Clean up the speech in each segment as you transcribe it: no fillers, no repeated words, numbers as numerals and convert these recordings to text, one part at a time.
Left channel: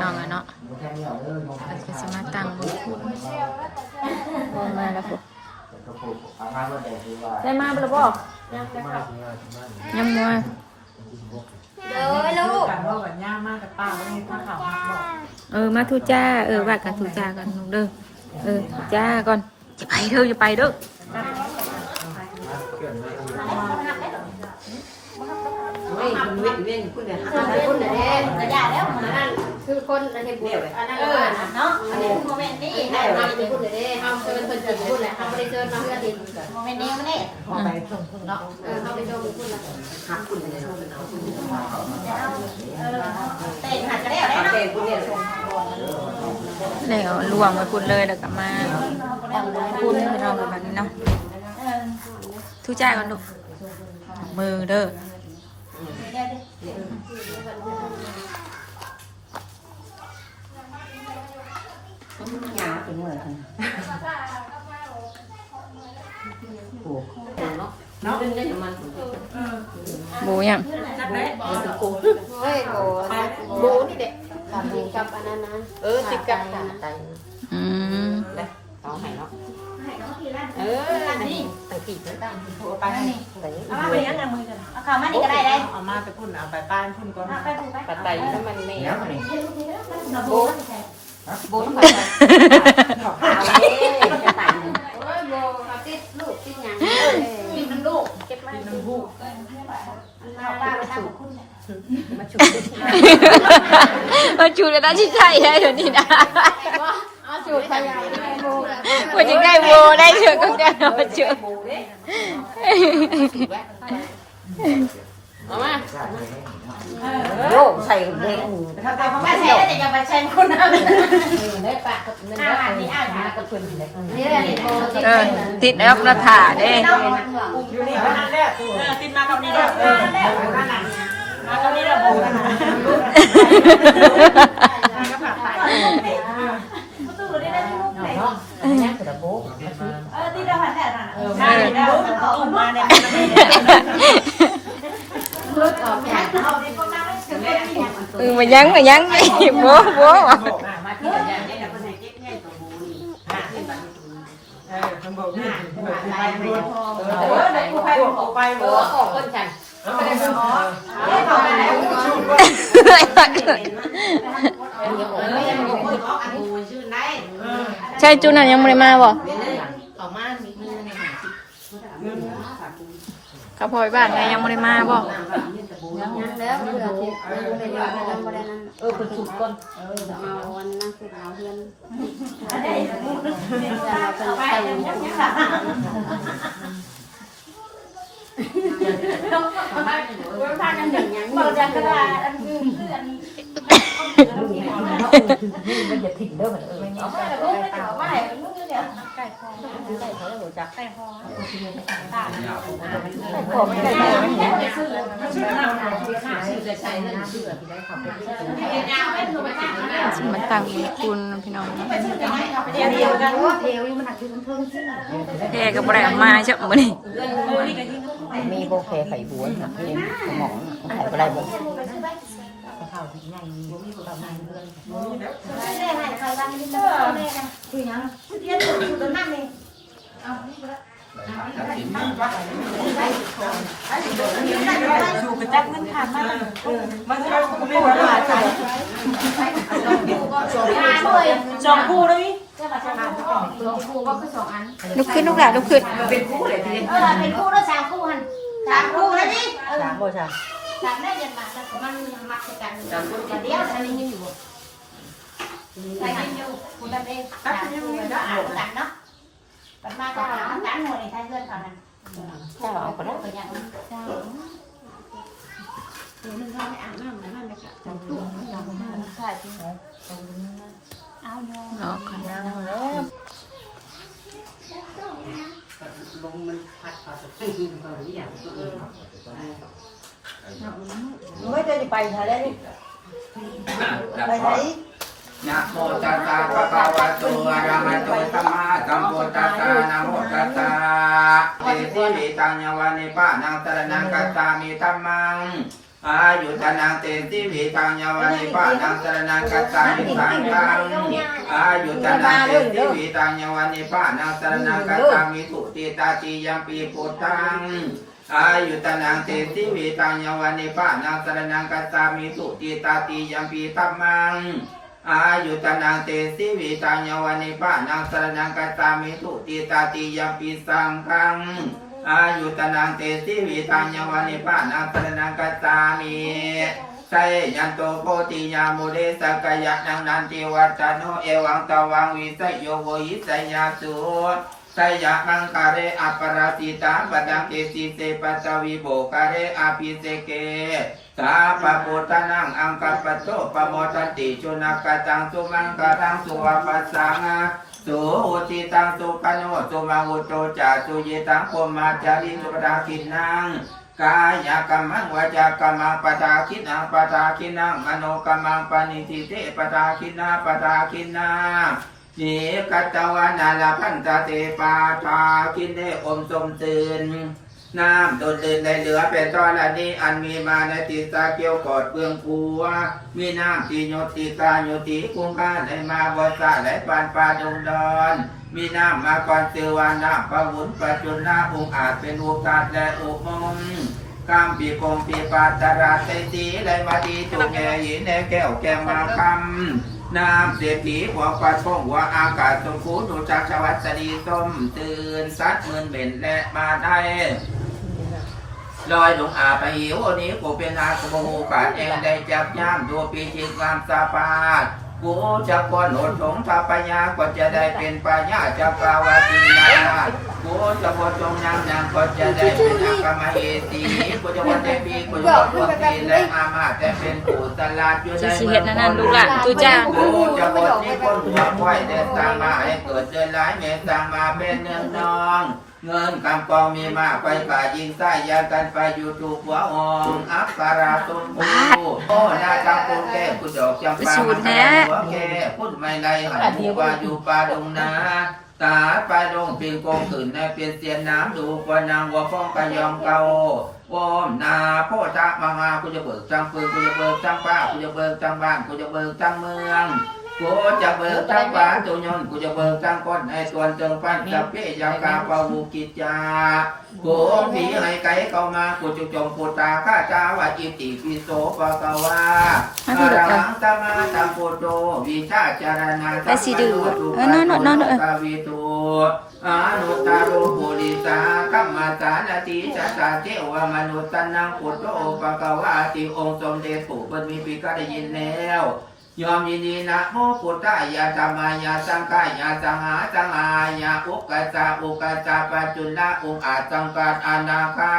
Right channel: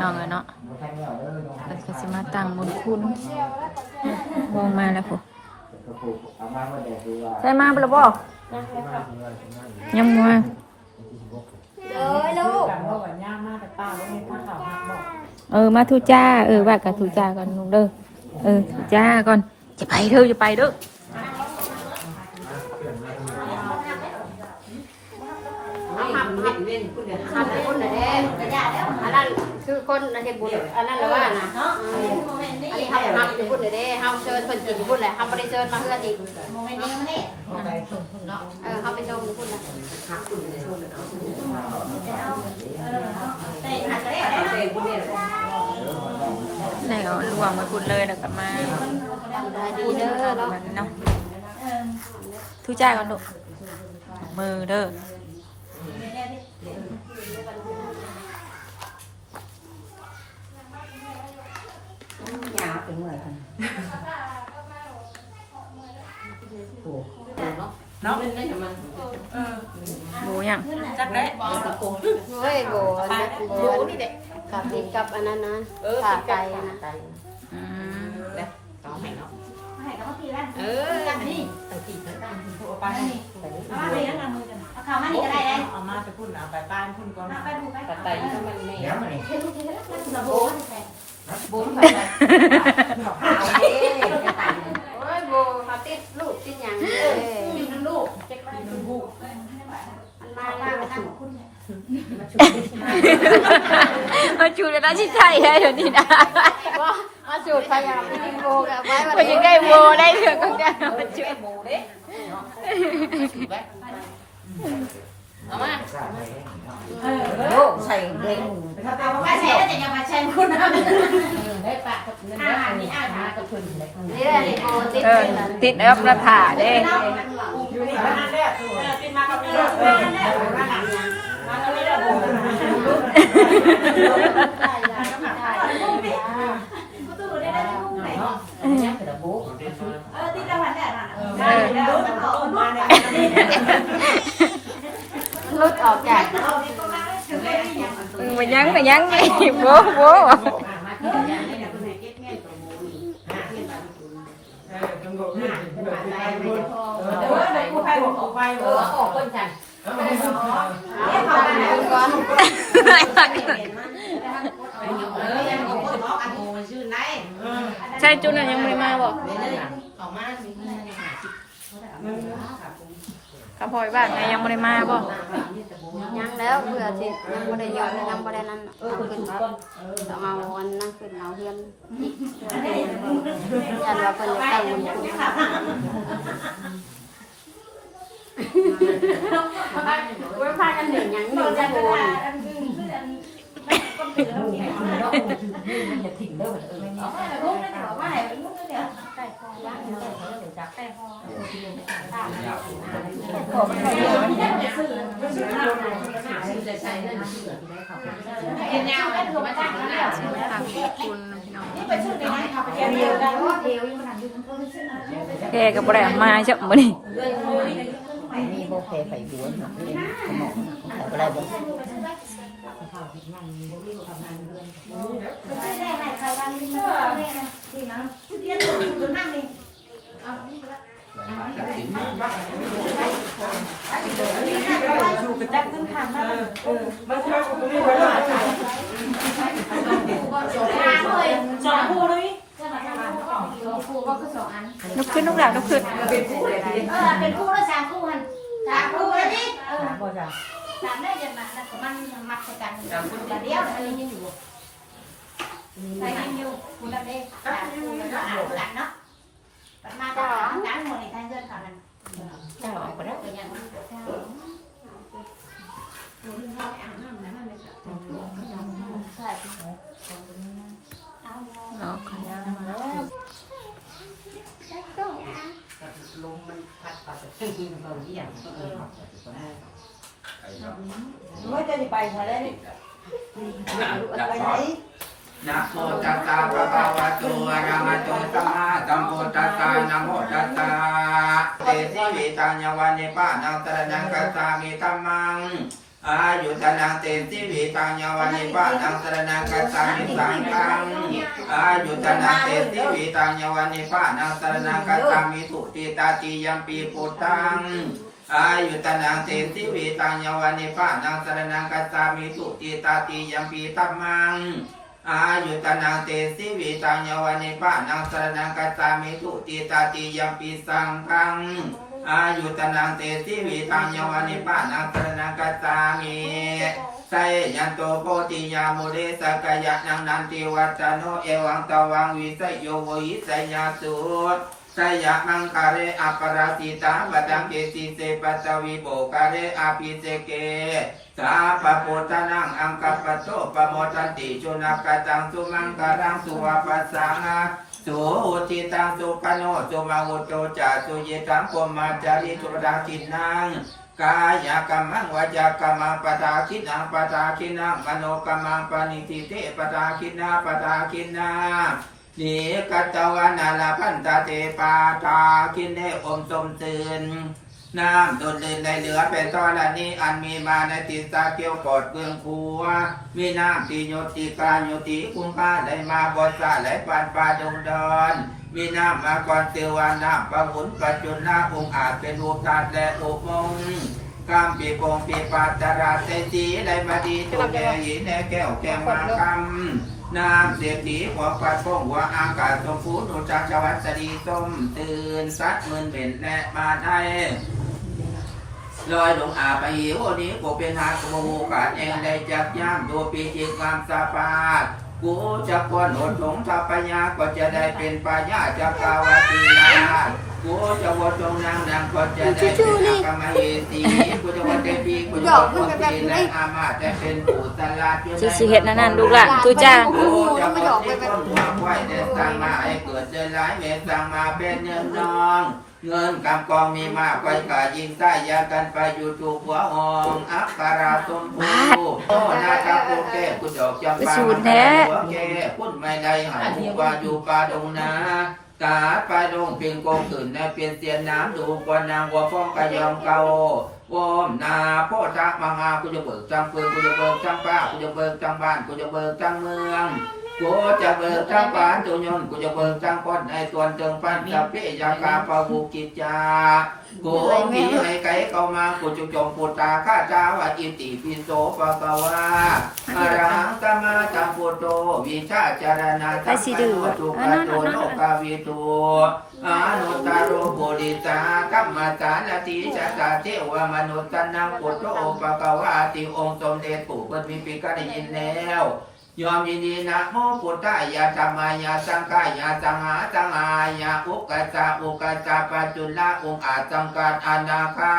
น้องอะเนาะก็จะมาตั้งบนคุณลงมาแล้วคุณได้มาบ่ล่ะบ่ยังมึงมาทุจ้าว่ากับทุจ้ากันลูกเด้อทุจ้าก่อนจะไปเถอะจะไปเด้อทำเป็นคนน่ะเด้อันนั้นคือคนเห็นบุญอันนั้นเลยเนาะโมเมนต์นี้ให้ทำเป็นคนเด้เฮาเชิญเพิ่นกินพุ่นแหละเฮาบ่ได้เชิญมาเพื่อที่โมเมนต์นี้มันนี่ไปชมพุ่นเนาะเฮาไปชมพุ่นละหักพุ่นเลยเป็นหักก็ได้เป็นพุ่นเนี่ยแล้วรวมไว้พุ่นเลยแล้วก็มาพุ่นเอาแบบนี้เนาะทุจ้าก่อนลูกมือเด้อหนาวถึงเมื่อค่ะเนาะเป็นเงินมันบูยังจักได้กูเฮ้ยบูนี่เด็กกับอันนั้นนะติดกันนะต้องให้เนาะนี่ไปปีกตั้งไปเอามาไปยังมือกันเอาข้าวมานี่ก็ได้ได้เอามาไปพุ่นเอาไปป้านพุ่นก่อนไปไต่แล้วมันเลี้ยงเลยบูบูโอ้ยบูมาติดลูกติดยังติดน้ำลูกเก็บมาติดน้ำลูกมันมาว่าไปทำคุณมาจูดกันได้ที่ใช่เดี๋ยวนี้นะวันยังได้โวได้เถอะก็ได้มาจูดเอามาโยกใส่เล็กเอาใส่แต่อย่าไปใช้คนนั้นได้ปะนี่อ่านมากับคนนี่โบติดอัพราคาเด้ติดมาตรงนี้แล้วมาตรงนี้แล้วที่เราหันรถออกจากมายังไม่โบ้ใช่จูนั่นยังไม่มาบ่กระพอยบ้านไงยังไม่ได้มาบ่ยังแล้วเพื่อที่ยังไม่ได้ยอมยังไม่ได้นั่นขึ้นมาเอาวันนั่งขึ้นเอาเพื่อนยันว่าเป็นตั้งมันไว้พากันหนึ่งยังหนึ่งกันก็ได้มันจะถิ่นเด้อมันมาตั้งคุณพี่น้องแกก็บ่ได้มาใช่มื้อนี้มีโบแพไข่บัวหมองไข่อะไรบ้างอยู่กระจับเงินผ่านมามันจะจองคู่เลยลุกขึ้นลูกหลานลุกขึ้นเป็นคู่เลยทีเป็นคู่แล้ว3คู่หัน3คู่เลยดิ3คู่3ได้ยันมาแล้วมันมักกันเดียวอันนี้ยังอยู่ใช่ยังอยู่คุณนั่นเอง3คู่เนาะกันเนาะกันมาก็กันหมดเลยท่านเพื่อนก่อนนะเจ้าเอาไปแล้วไปยังรอก่อนลงมันพัดต่อจากที่ที่มันก็อย่างไม่ได้ไปทะเลอะไรนะโมตัสสะภะคะวะโตอะระหะโตสัมมาสัมพุทธัสสะนะโมตัสสะเตสิวิตัญญวะเนปะนังสรณังกัสสามิธัมมัง อายุตนังเตติวิตังยาวันนิพานังสรนังกัจฉามิสังฆังอายุตนังเตติวิตังยาวันนิพานังสรนังกัจฉามิสุติตาติยัมปีพุทธังอายุตนังเตติวิตังยาวันนิพานังสรนังกัจฉามิสุติตาติยัมปีธัมมังอายุตนังเตติวิตังยาวันนิพานังสรนังกัจฉามิสุติตาติยัมปีสังฆังอายุตนังเตติวิตังยาวันนิพานังสรนังกัจฉามิไสยันโตโพธิยามุเรสกยะนังนันติวัจโนเอวังตวังวิสยโยโวหิสยาสุไสยะมังคาเรอัปปราสิตาปดังเกสิเสปัตวิโบคาเรอาภิเสเกสาปะปุตนังอังกัปปะโตปะโมทันติชุนักตังสุมังคารังสุวปัสสังสุอุจิตังสุปโนสุมังอุตุจาสุยิตังพมมาจาริสุปดังกินังกายกรรมังวจากรรมังปตาคินังปตาคินังมโนกรรมังปณิทิเตปตาคินาปตาคินานิกัตตวานาลาพันตาเตปาตาคินเดอมสมตื่นน้ำดุดดื่นได้เหลือเป็นตรณีอันมีมาในติสาเกียวกอดเบื้องผัวมีน้ำปีโยติกาโยติคุ้งค่าไหลมาบนสะไหลปานปาดงดอนมีน้ำมาก่อนเสือวาน้ำปะหุนปัจจุนาองอาจเป็นอุกาศและอุมงข้ามปีโกงปีปาตราใจสีได้มาดีตัวแก่หินแดงแก้วแก้มมาคำน้ำเสียผีหัวปะทงว่าอากาศจงฟูดวงจักรวัสดีส้มตื่นสัดเงินเบ็นและมาได้ลอยลงอาไปหิวนี้กูเป็นอาโกกาดเองได้จับย่ามดูปีจิตงามสาปากูจะก้อนหนหงทาปัญญาก็จะได้เป็นปัญญาจักรวติญากูจะวจงนางนางก็จะได้เป็นกรรมเหตุกูจะวันได้ปีกูจะวันปีและอามาแต่เป็นผู้ตลาดอยู่ใน สิเฮ็ดนั่นดูละตุจ้า กูจะบอกที่คนหัวควายแต่สร้างมาให้เกิดเจริญหลายเมตสร้างมาเป็นเงินนองเงินกำกองมีมากไปกายิงใต้ยากันไปอยู่ถูกหัวหองอักการาตุมปูโตนาจังปูเก้กุดอกจำปาหัวเก้พุ่นไม่ได้หายหัวอยู่ป่าดงนาตาไปดงเพียงโกงตื่นในเปลี่ยนเสียน้ำดูกว่านางวัวฟ้องกะยองเกาโอมนาพ่อตามหากูจะเบิกจังปืนกูจะเบิกจังป้ากูจะเบิกจังบ้านกูจะเบิกจังเมืองกูจะเบิกจังบ้านตัวยนกูจะเบิกจังคนในส่วนเติงปั้นจะเปี้ยากาปะวูกิจากูผีให้ไก่เข้ามากูจะจมปูตาข้าเจ้าอิติปิโสปะกวาอรังตมาตังปุโตวิชาจารณะกวิตูอนุตตโรโหดิตากัมมาตาลติจัตตาเทวมนุตนังปุโตปะกวาติองค์สมเด็จปู่เพิ่นมีปีก็ได้ยินแล้วยอมยินดีนะโมพุทธายาธรรมายาสังฆายาสังหาสังหายาอุกจาปัจจุลาอุอาสังกาอนาคา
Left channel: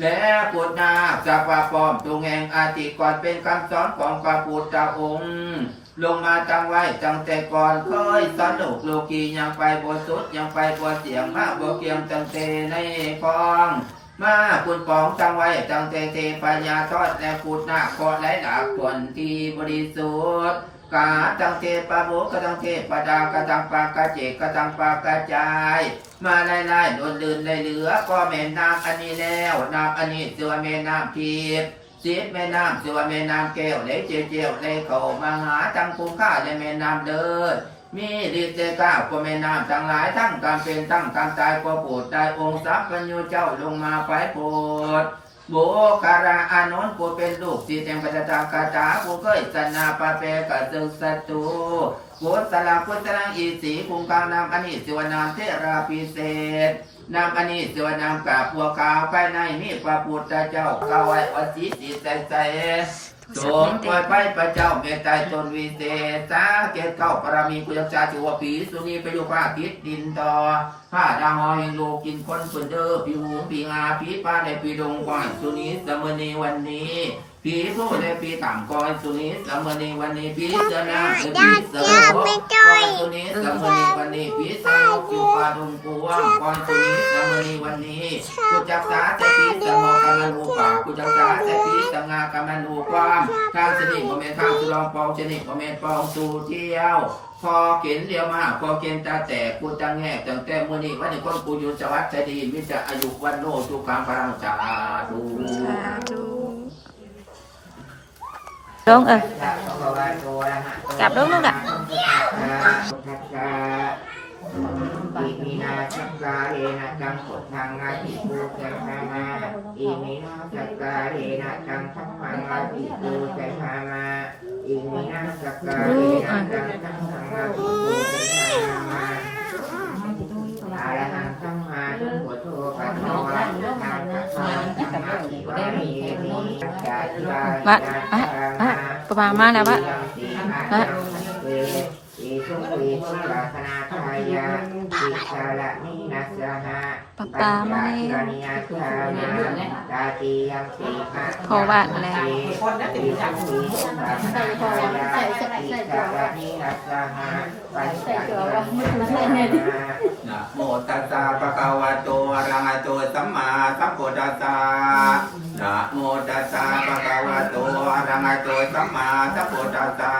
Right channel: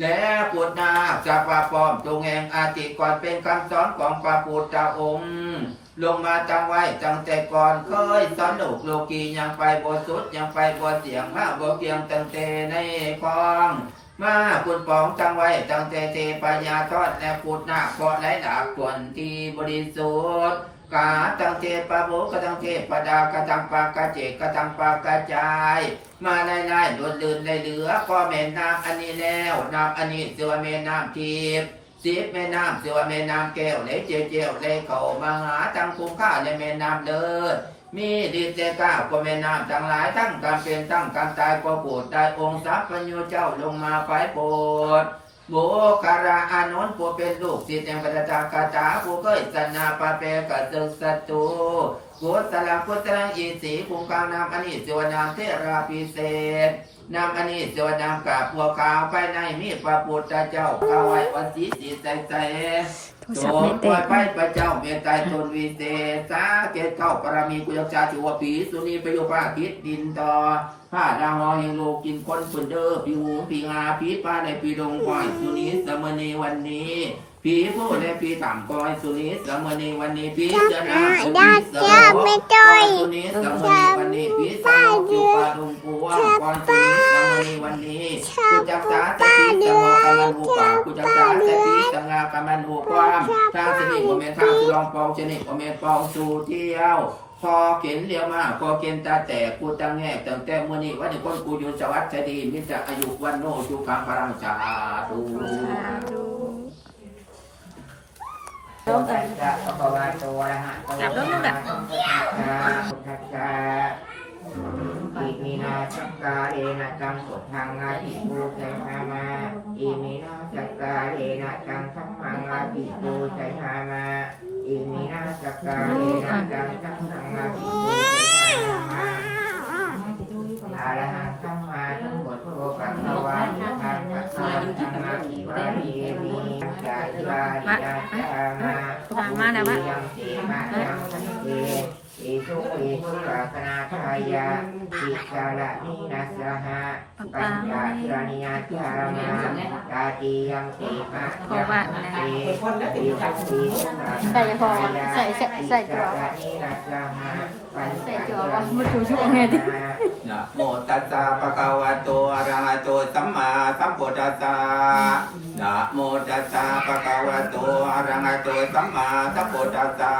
และพุทธาจักรวาลปอมจงแห่งอาติก่อนเป็นคำสอนของพระพุทธองค์ลงมาตั้งไว้ตั้งแต่ก่อนเคยสอนโลกียังไปบสุดยังไปบเสียงมาบเกียงตั้งแต่ในคลองมาคุณปองตั้งไว้ตั้งแต่เทปัญญาทอดและพูดหน้าคอไหลหนาผลที่บริสุทธิ์กาตั้งเทปะโบกตั้งเทปดากตั้งปากกะเจกตั้งปากกระจายมาไล่ๆโดนลื่นในเหลือก็แม่น้ำอันนี้แล้วน้ำอันนี้เสือแม่น้ำทิพย์สิบแม่น้ำเสือแม่น้ำแก้วเลยเจียวเลยเข้ามาหาตั้งคุ้มค่าในแม่น้ำเดินมีฤทธิ์เดก้าวก็แม่น้ำทั้งหลายทั้งการเป็นทั้งการตายก็โปรดได้องค์สัพพัญญูเจ้าลงมาไปโปรดบุคาราอานนท์ผู้เป็นลูกศิษย์แห่งปัจจตากาตาผู้เคยสนาปะเปกัสสุสัตตุพุทธลาพุทธลังอีสีภูมิกานามอนิจวนามเทราพิเศษนามอนิจวนามกาบบัวขาวภายในมีพระพุทธเจ้าเข้าไว้อสีสีใจสมควรไปพระเจ้าเมตตาตนวิเศษสาเกตเข้าปรมีกุยชาถือว่าผีสุนีไปโยภาคิดดินต่อผ้าดาวหอยโลกินคนฝืนเด้อผีหูผีงาผีป้าในปีดงควายสุนีสมณีวันนี้ผีผู้ในปีต่ำกอยสุนีสมณีวันนี้ผีเสนาผีเสนาคอยสุนีสมณีวันนี้ผีสงบอยู่ป่าดงพวงคอยสุนีสมณีวันนี้กุจักษาแต่ผีสงบกำมันหูป่ากุจักษาแต่ผีสงากำมันหูความทางสนิทว่าเมนทางสุรองปองชนิดว่าเมนปองสู่เที่ยวพอเข็นเลี้ยวมาพอเข็นตาแต่กูตั้งแง่ตั้งแต่มื้อนี้วันนี้คนกูอยู่สวัสดิ์ใจดีมิจะอายุวันโนสุขังพลังชาตุ ลงกลับลงลูกอ่ะ อิมินาจักกาเรนะจังสุทังอาทิปูเสหามาอิมินาจักกาเรนะจังสัมมังอาทิปูเสหามาอิมินาจักกาเรนะจังสัมมังอาทิปูเสหามาอะระหังสัมมาสัมพุทโธปัสสาวะทางปัสสาวะสัมมาทิวามีมีจักกา บัดประมาณมาแล้วบัด อิสุปิสุราคณาทายาอิสาระนินัสสหะปัญจานิยาชามากาติยังติมะ พอวาดแล้ว อิสุปิสุราคณาทายาอิสาระนินัสสหะปัญจานิยาชามนะโมตัสสะภะคะวะโตอะระหะโตสัมมาสัมพุทธัสสะนะโมตัสสะภะคะวะโตอะระหะโตสัมมาสัมพุทธัสสะ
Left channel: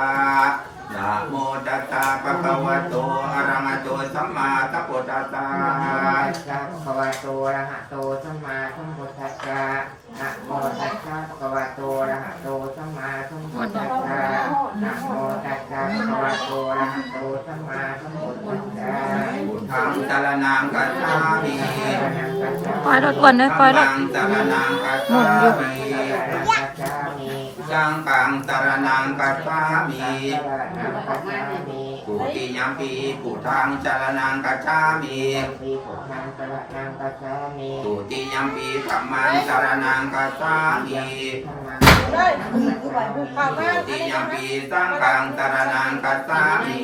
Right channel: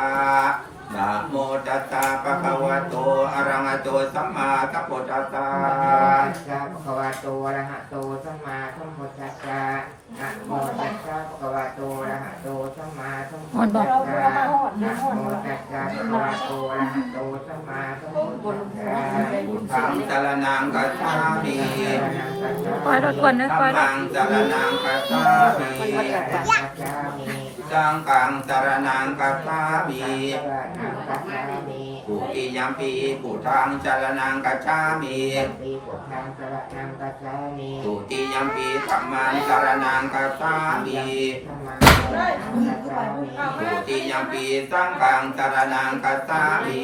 นะโมตัสสะภะคะวะโตอะระหะโตสัมมาสัมพุทธัสสะนะโมตัสสะภะคะวะโตอะระหะโตสัมมาสัมพุทธัสสะนะโมตัสสะภะคะวะโตอะระหะโตสัมมาสัมพุทธัสสะนะโมตัสสะภะคะวะโตอะระหะโตสัมมาสัมพุทธัสสะพุทธังสรณังคัจฉามิ ปล่อยรถอ้วนเลยปล่อยรถ สรณังคัจฉามิสังฆังสรณังคัจฉามิปุติยัมปีพุทธังสรณังคัจฉามิปุติยัมปีธัมมังสรณังคัจฉามิปุติยัมปีสังฆังสรณังคัจฉามิ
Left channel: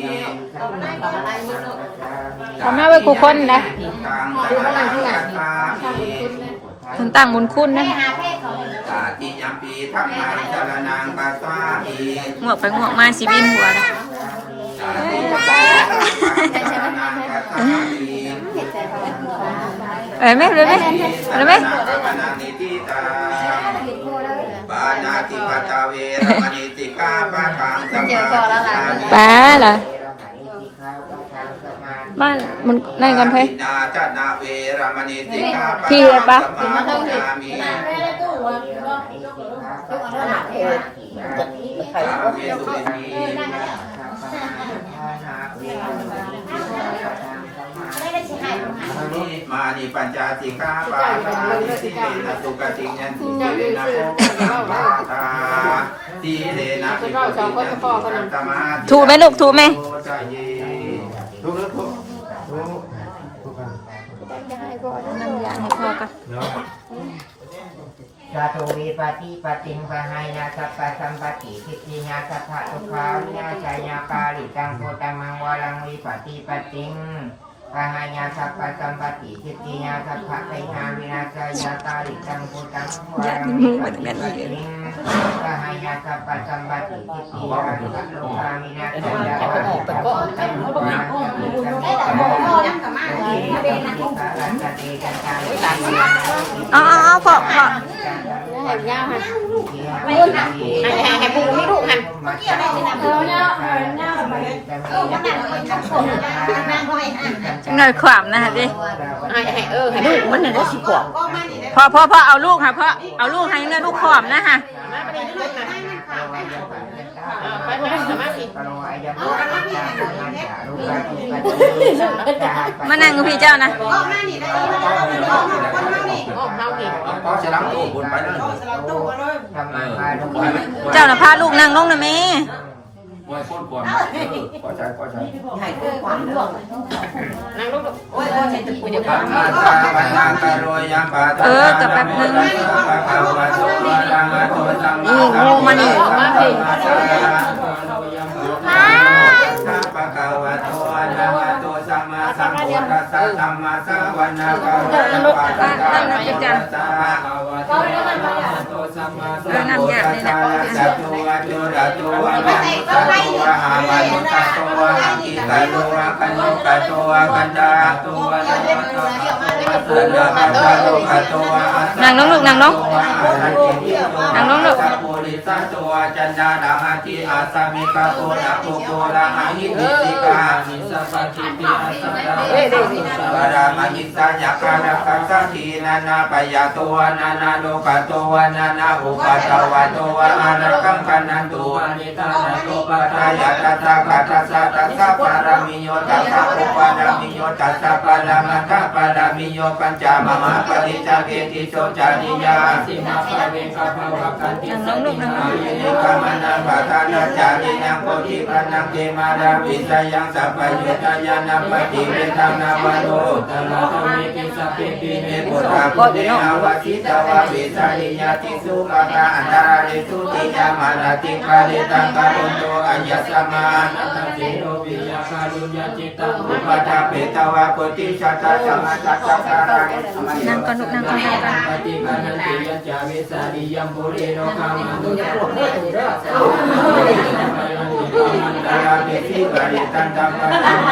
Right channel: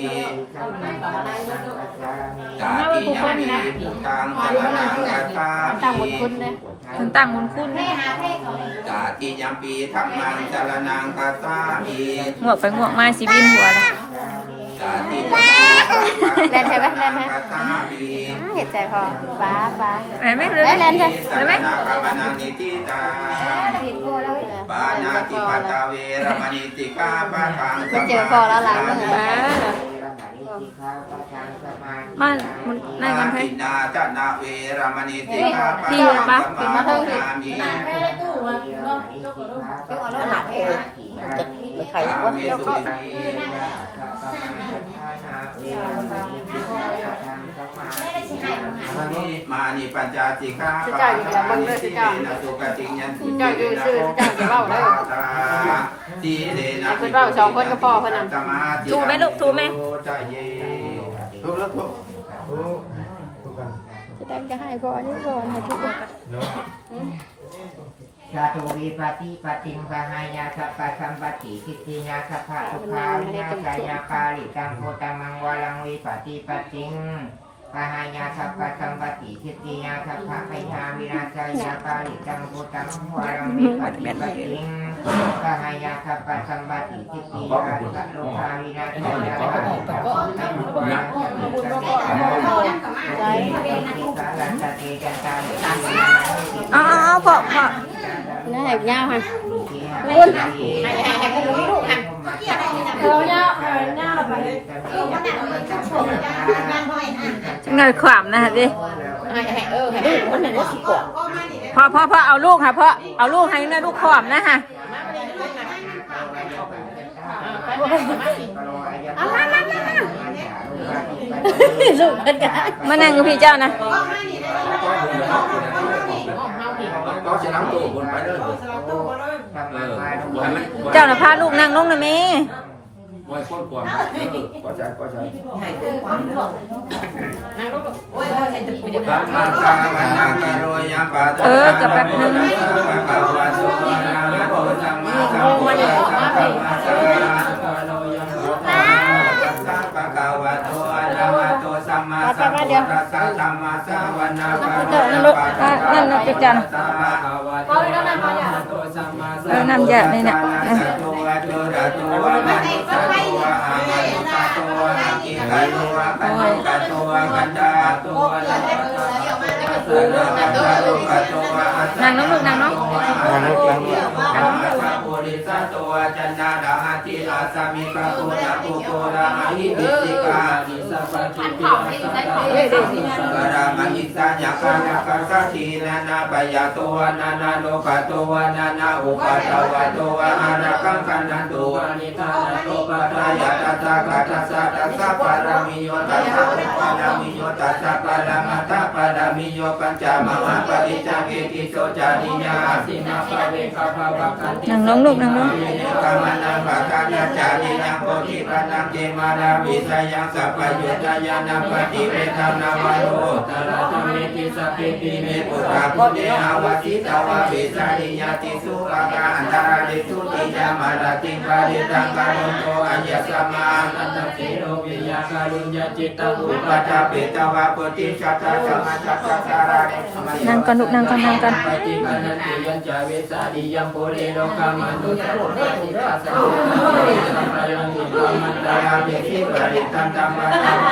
ทำหน้าไว้กูคนนะ มันตั้งบุญคุณนะ ตาติยัมปีธัมมังสรณังคัจฉามิ งวกไปงวกมาสิบินหัวเลย ตาติยัมปีธัมมังสรณังคัจฉามิ เห็ดใจพอฟ้า เอ้ยไหมเลยไหมเลยไหม ปานาติปัจจเวรมณีสิกขาปะทังสมาธิ ป้าเหรอบ้านมันในกันเพย ญาจนาเวรมณีสิกขาปะ พี่เลยปะ สมาธิมี ยกเอารถหาให้ไข่ยกเขา มานิปัญจสิกขาปะทังสิเลนะสุขติยันติเลนะโภคปะทาสีเลนะภิกขุติยันติสมาธิ ถูกไหมลูกถูกไหม ถูกแล้วถูก พอกัน ชาโตวิปฏิปติงพหายาสัพพะสัมปติทิฏฐิยาสัพพะทุกขาวินาศายาปาลิตังโพตังมังวาลังวิปฏิปติงพหายาสัพพะสัมปติทิฏฐิยาสัพพะไทยาวินาศายาปาลิตังโพตังมังวาลังวิปฏิปติงพหายาสัพพะสัมปติทิฏฐิยาสัพพะทุกขาวินาศายาปาลิตังโพตังมังวาลังวิปฏิปติง เอาพอ แหบยาวค่ะไม่หนักแหบไม่ถูกค่ะจังเลยขวามนะฮะดิพอเอาลูกค่ะพ่อเอาลูกให้เนื้อลูกขวามนะฮะมานั่งกับพี่เจ้านะ ก็จะรับตู้บุญไปเลย เจ้าน่ะพาลูกนั่งลงนะแม่ มวยคนก่อนก็ใช่ก็ใช่กับแป๊บนึง มันปะกาวะโตอะระหะโตสัมมาสัมพุทธัสสะธัมมาสวนาคาปะตะกะระหะโตสัมมาสัมพุทธัสสะ น้ำยานี่แหละ สัตวะตุระตุวะมนุสะตุวะอามานุสะตุวะอากิกะตุวะกัญญกะตุวะกันดาตุวะนั่งลงลูกนั่งลงนั่งลงลูก ปุริสันตุวะจันดาดามาติอาสามิกะโตนะโกโกละอาหิปิสิกานิส กาดามัญิสัญญาการกัสสะทีนานาปยาตัวนานาโลกตัวนานาอุปาทวะตัวอารักังกันนันตัวนิทานาโตปัจจายะตัสสะกัสสะตัสสะปารามิโยตัสสะอุปารามิโยตัสสะปารามัตถปารามิโยปัญจมหาปฏิจจเกติโสจาริยาสิมาภเวกภาวะกันติสุนินามิกามานังภาคานาจาริยังโพธิปันนังเกมาราวิสยังสัพพยุตยานาปฏิเวทนาวโรตระธรรมิติสัพเพปิเมปุตตะพุทธิอาวสิตวะวิสาริยติสุปะกะอันตราริสุติยามารติปาริตังกาลุโตอายัสสมานันเตโรปิยาการุญญาจิตตังอุปตะเปตวะโกติชัตตะสมัจจตาราเด นั่งก่อนลูกนั่งก่อนนั่งก่อน ปฏิปันติยัญจเวสาริยังปุเรโนกามันตุสัพพะตุสัพพะมันตาราเดสิกริตันตัมวันตัมม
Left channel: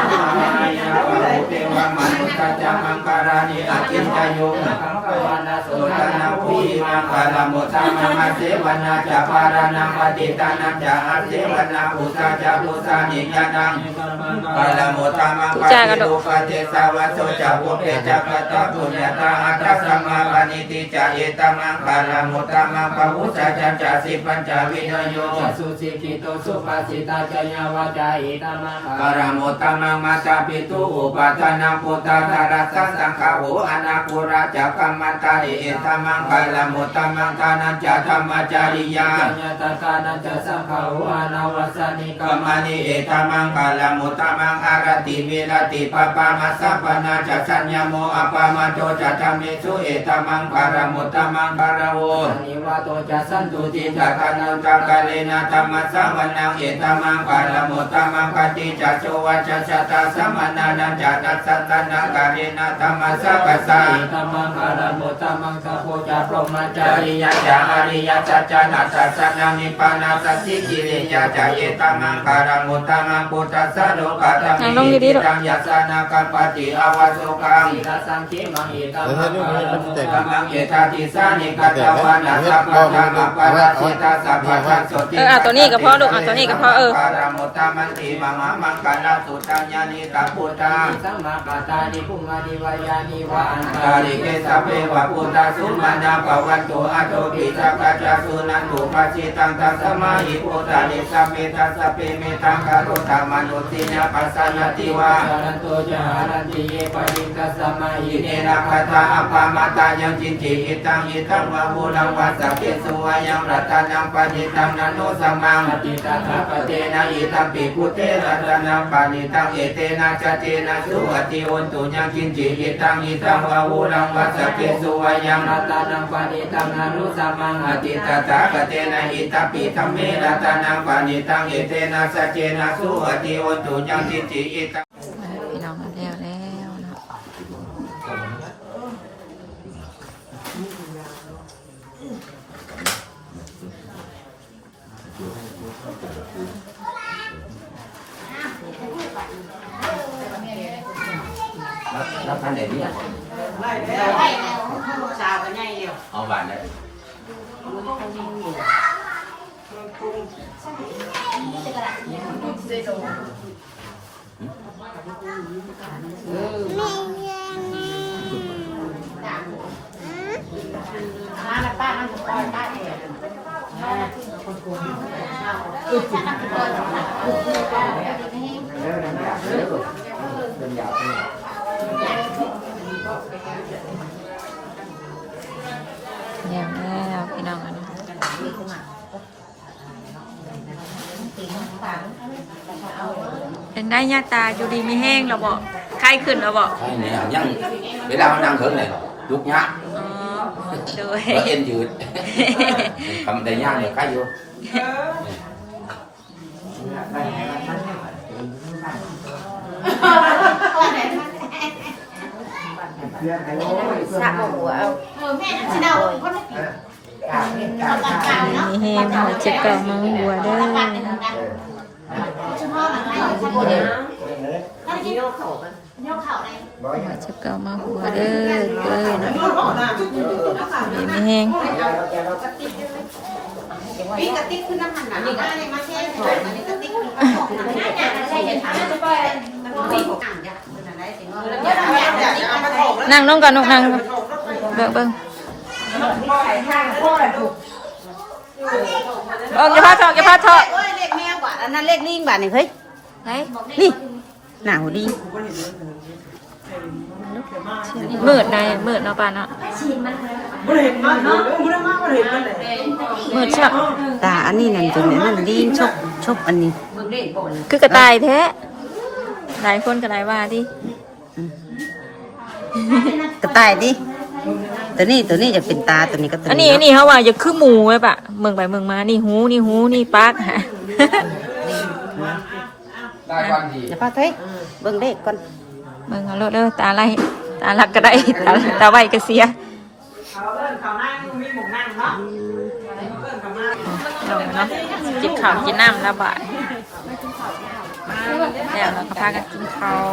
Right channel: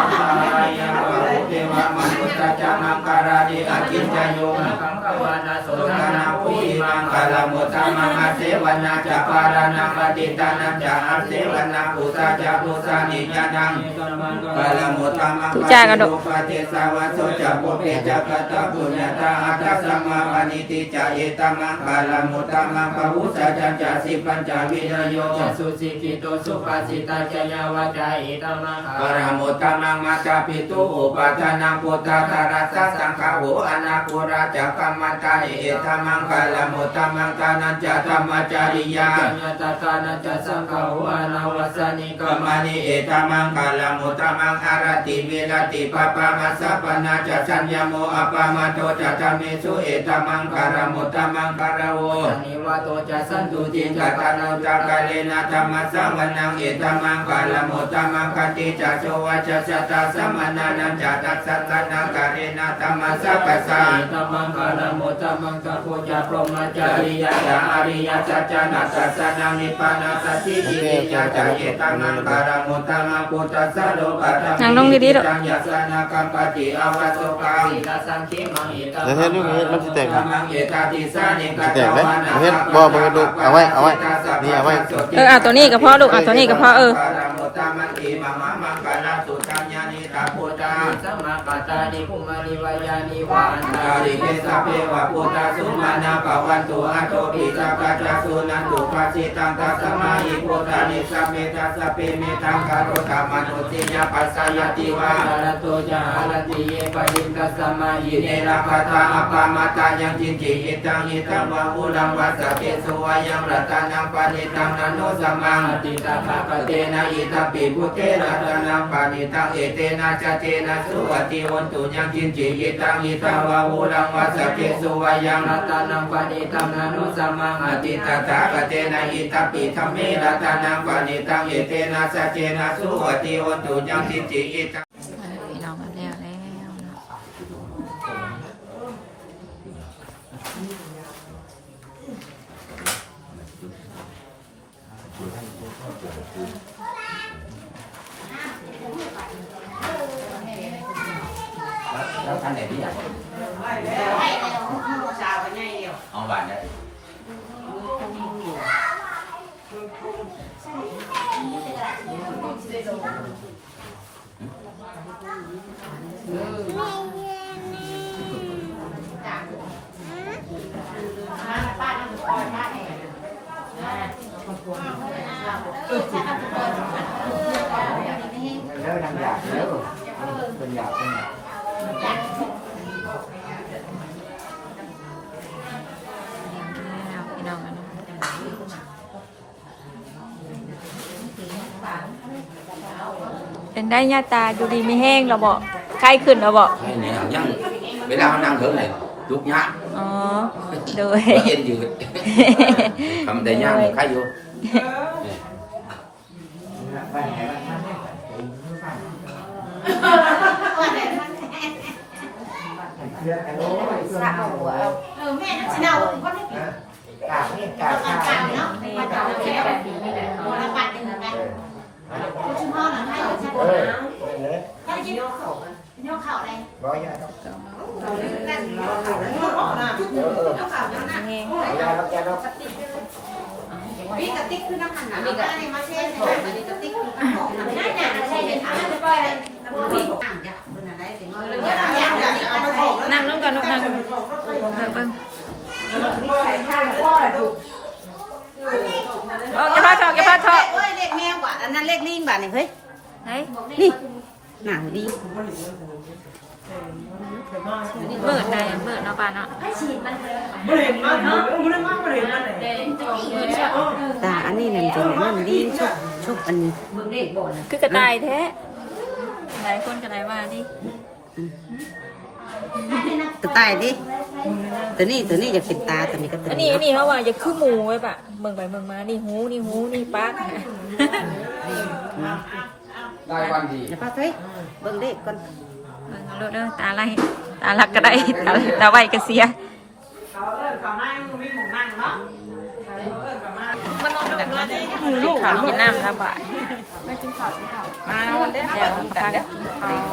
ายาวะเทวะมนุสัจจมังการานิอาจินจโยกังขวานาโสตนาภูมังกาลมุตตมังอาเสวนาจะปารานังปฏิตานังจะอาเสวนาอุตาจะอุสานิยานังกาลมุตตมังกาสิโลกเจสาวะโสจะโพเกจะกตะปุญญาตาอัตถสัมมาอนิติจะเอตมังกาลมุตตมังปะหุสัจจันจะสิปัญจวิโนโยจะสุสิกิโตสุปาสิตาจยาวจาอิตมังกาลมุตตมังมัตตาปิตุอุปาทานังพุทธาตรัสสะสังฆาโหอนาคุราจะกัมมันตาเอตมังกาลมุตตมังตานันจะธรรมจาริยาญาตตานันจะสังฆาโหอนาวสานิกามานิเอตมังกาลมุตตมังอารติเวรติปปามัสสะปนาจะสัญญโมอปามาโตจะธรรมสุเอตมังกาลมุตตมังกาลโวนิวาโตจะสันตุติจะกานาจักะเลนะธรรมสวนังเอตมังกาลมุตตมังกติจะโชวะจะสัตตาสัมมานานันจะตัสสะตันังกาเรนะธรรมสัพพะสะเอตมังกาลมุตตมังสัพโพจะพรหมจาริยะจะอริยสัจจนะสัจจนะนิพพานะสัจจิกิริยะจะเอตมังกาลมุตตมังพุทธัสสะโลกัตถิอิจังยัสสะนะกัปปติอวโสกังอิสังเขมังอิตมังมังเอตติสานิกัตตวานะกัปปะตะกัปปะตะสิตาสัพพะสัสติเอาตัวนี้ก็พอลูกเอาตัวนี้ก็พอ กาลมุตตมังติมหามังกาลสุตัญญานิตาพุทธังสัมมากัตตานิภุมานิวายานิวะอันตาลิเกสัพเพวะพุทธสุมาณาภวันตุอะโตปิสักกะจสุนันตุปัจจิตังตัสสมาหิพุทธานิสัมเมตัสสะเปเมตังกะโรธรรมนุติญาปัสสยติวะจารโตจหารติเยปดิตัสสมาหิเนระคตาอปามาตายังจินจิอิตังอิตังวะหุลังวัสสะเกสุวายังรัตนังปดิตังนันโนสัมมังอติตถาคเตนะอิตปิพุเตรัตนังปณิตังเอเตนะจเจนะสุอติโอนตุยังจินจิอิตังอิตังวะหุลังวัสสะเกสุวายังรัตนังปณิตังนันโนสัมมังอติตถาคเตนะอิตปิธัมเมรัตนังปณิตังเอเตนะจเจนะสุอติโอนตุยังจินจิอิตังพี่น้องกันแล้วเนาะแล้วท่านไหนเนี่ยเอาบ้านเนี่ยแล้วพี่น้องกันเนาะเป็นได้ญาตาอยู่ดีไม่แห้งเราบอกไข้ขึ้นเราบอก ใช่เนี่ยยังเวลาเขานั่งถึงเลยลุกยะ อ๋อโดย เย็นยืดทำได้ย่างใครอยู่แม่นั่นสิเอาคนนี้กาเมีนี่แห้งเอาเช็ดก่อนมาหัวเด้อ ชุมพ่อหลังให้ฉันเนี่ยถ้าจะยกเข่ากันยกเข่าเลย เช็ดก่อนมาหัวเด้อมีแห้ง วิ่งกระติกขึ้นน้ำมันนี่ก็อะไรมาเช่นอันนี้กระติกขึ้นน้ำมันน่าจะใช่เดี๋ยวทำให้ไปวิ่ง นั่งน้องก่อนลูกนั่งเบิ่งออกอย่าพาทอกอย่าพาทอก เลขแมวบาทอันนั้นเลขลิงบาทนี่เฮ้ย ไหน นี่หนาวดี มืดนะมืดเนาะป่าเนาะมืดใช่ไหม ตาอันนี้นั่นตัวนี้นั่นลิงชอบอันนี้ คือกระต่ายแท้หลายคนกระต่ายว่าดิ กระต่ายดิตัวนี้จะเป็นตาตัวนี้ก็ตัว อันนี้เขาว่าอย่าคือหมูไว้ปะเมืองไปเมืองมานี่หูนี่ปากฮะ ได้วันดี เดี๋ยวพ่อเฮ้ยเบิ่งเลขก่อน เมืองเอาเลิศตาไล่ตาลักก็ได้ตาไวก็เสียลงเนาะกินข้าวกินน้ำแล้วบ่ายแล้วเราก็พากันกินข้าว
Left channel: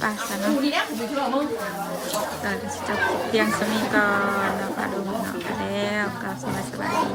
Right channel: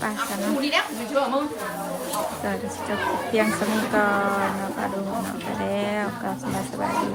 ไปสนุกเดี๋ยวจะเพียงสมีก่อนเนาะปลาดูเนาะก็แล้วก็สบายดี